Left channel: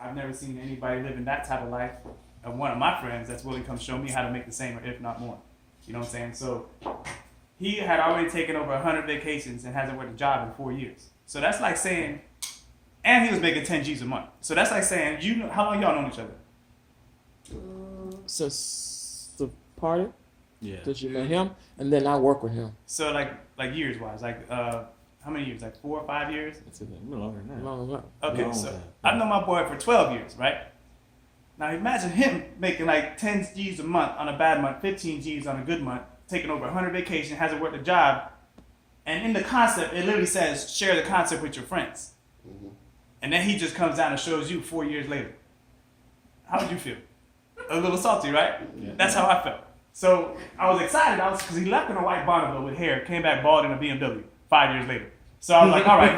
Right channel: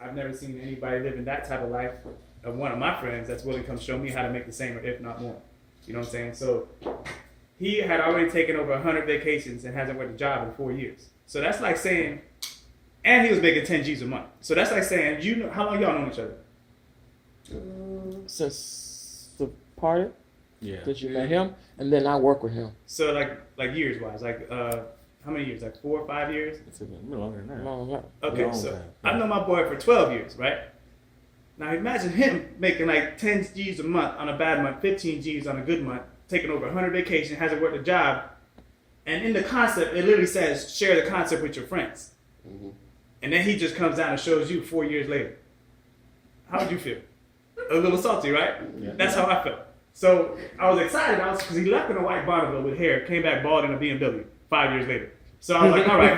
I've never seen anybody living that type of life of one of my friends that's willing to come show me how to make the same or if not more. You know what I'm saying? So he had already taken over 100 vacations and hasn't worked a job in 4 years. So that's like saying, and he was making 10 G's a month. So that's like saying, you know, how long y'all known each other? Since the party, Yeah. since you met him, and then I work with him. So like years wise, like how many years? Like 4 or 5 years? It's a little longer than that. No. Okay, Long so time. I've known my boy for 12 years, right? Now imagine him making like 10 G's a month on a bad month, 15 G's on a good month, taking over 100 vacation, hasn't worked a job, and in the concept, it literally says share the concept with your friends. Mm-hmm. And then he just comes down and shows you 4 years later. How would you feel? A little salty, right? Yeah. That's how I felt. So I was excited. Because he left in a white Bonneville with hair, came back bald in a BMW 5 years later. So I was like, all right,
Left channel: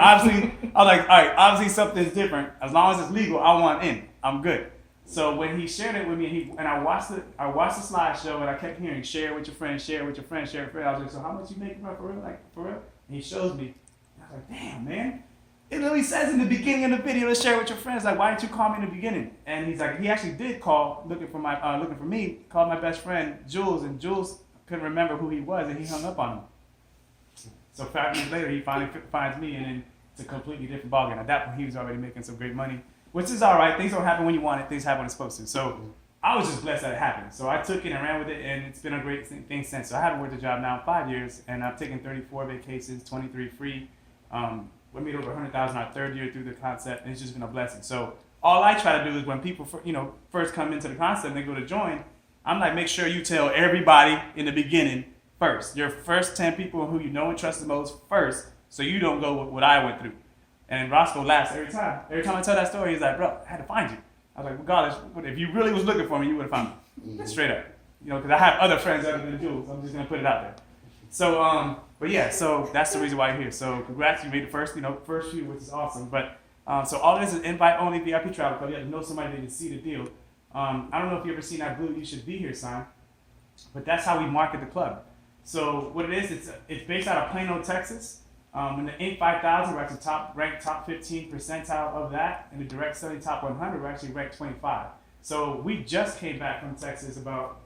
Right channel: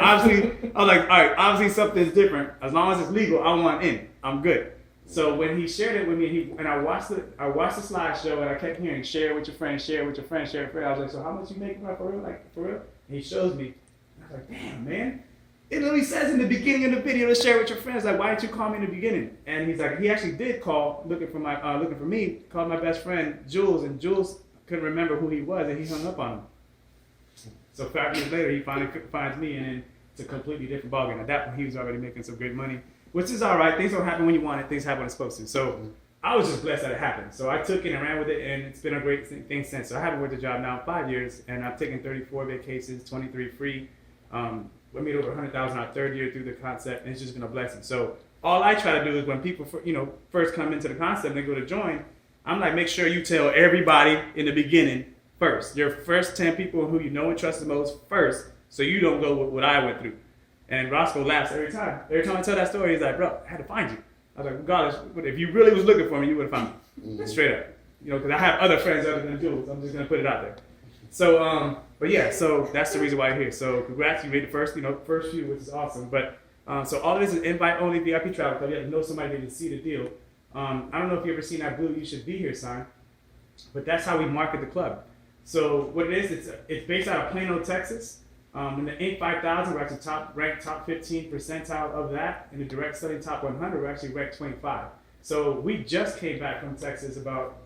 obviously something's different. As long as it's legal, I want in. I'm good. So when he shared it with me, and I watched the slideshow, and I kept hearing share with your friends, share with your friends, share with your friends. I was like, so how much you making for real? Like for real? And he shows me. I was like, damn, man. It literally says in the beginning of the video to share with your friends. Like, why didn't you call me in the beginning? And he's like, he actually did call, looking for me. Called my best friend Jules, and Jules couldn't remember who he was, and he hung up on him. So 5 years later, he finally finds me, and then it's a completely different ballgame. At that point, he was already making some great money, which is all right. Things don't happen when you want it. Things happen when it's supposed to. So I was just blessed that it happened. So I took it and ran with it, and it's been a great thing since. So I haven't worked a job now in 5 years, and I've taken 34 vacations, 23 free. We made over 100,000 our third year through the concept, and it's just been a blessing. So all I try to do is when people, first come into the concept and they go to join, I'm like, make sure you tell everybody in the beginning first. Your first 10 people who you know and trust the most first, so you don't go with what I went through. And Roscoe laughs every time. Every time I tell that story, he's like, bro, I had to find you. I was like, regardless, if you really was looking for me, you would have found me. Mm-hmm. Straight up. Because I have other friends other than Jules. I'm just going to put it out there. So, but yeah, so that's the reason why you're here. So congrats, you made the first few, which is awesome. But so all this is invite-only VIP travel club. You have to know somebody to see the deal. I don't know if you ever seen that blue "You Should Be Here" sign, but that's how we market the club. So what it is, it's based out of Plano, Texas. In the Inc. 5000, we're actually ranked top 15 percentile of that. In the direct selling top 100, we're actually ranked 25. So we just came back from Texas about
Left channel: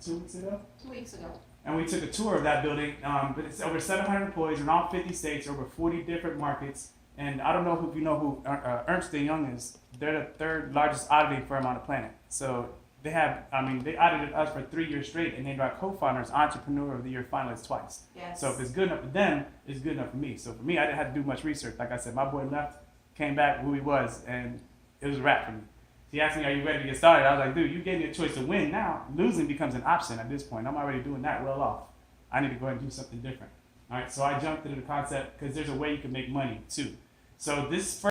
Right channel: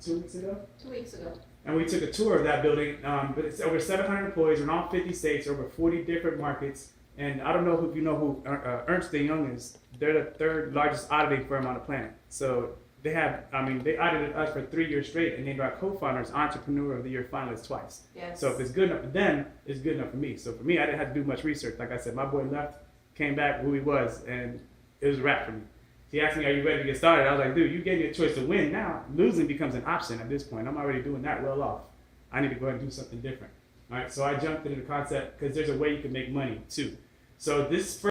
2 weeks ago. 2 weeks ago. And we took a tour of that building. But it's over 700 employees in all 50 states, over 40 different markets. And I don't know if you know who Ernst & Young is. They're the third largest auditing firm on the planet. So they audited us for 3 years straight and named our co-founders Entrepreneur of the Year finalists twice. Yes. So if it's good enough for them, it's good enough for me. So for me, I didn't have to do much research. Like I said, my boy left, came back who he was, and it was a wrap for me. He asked me, are you ready to get started? I was like, dude, you gave me a choice to win. Now, losing becomes an option at this point. I'm already doing that well off. I need to go ahead and do something different. All right, so I jumped into the concept because there's a way you can make money too. So this first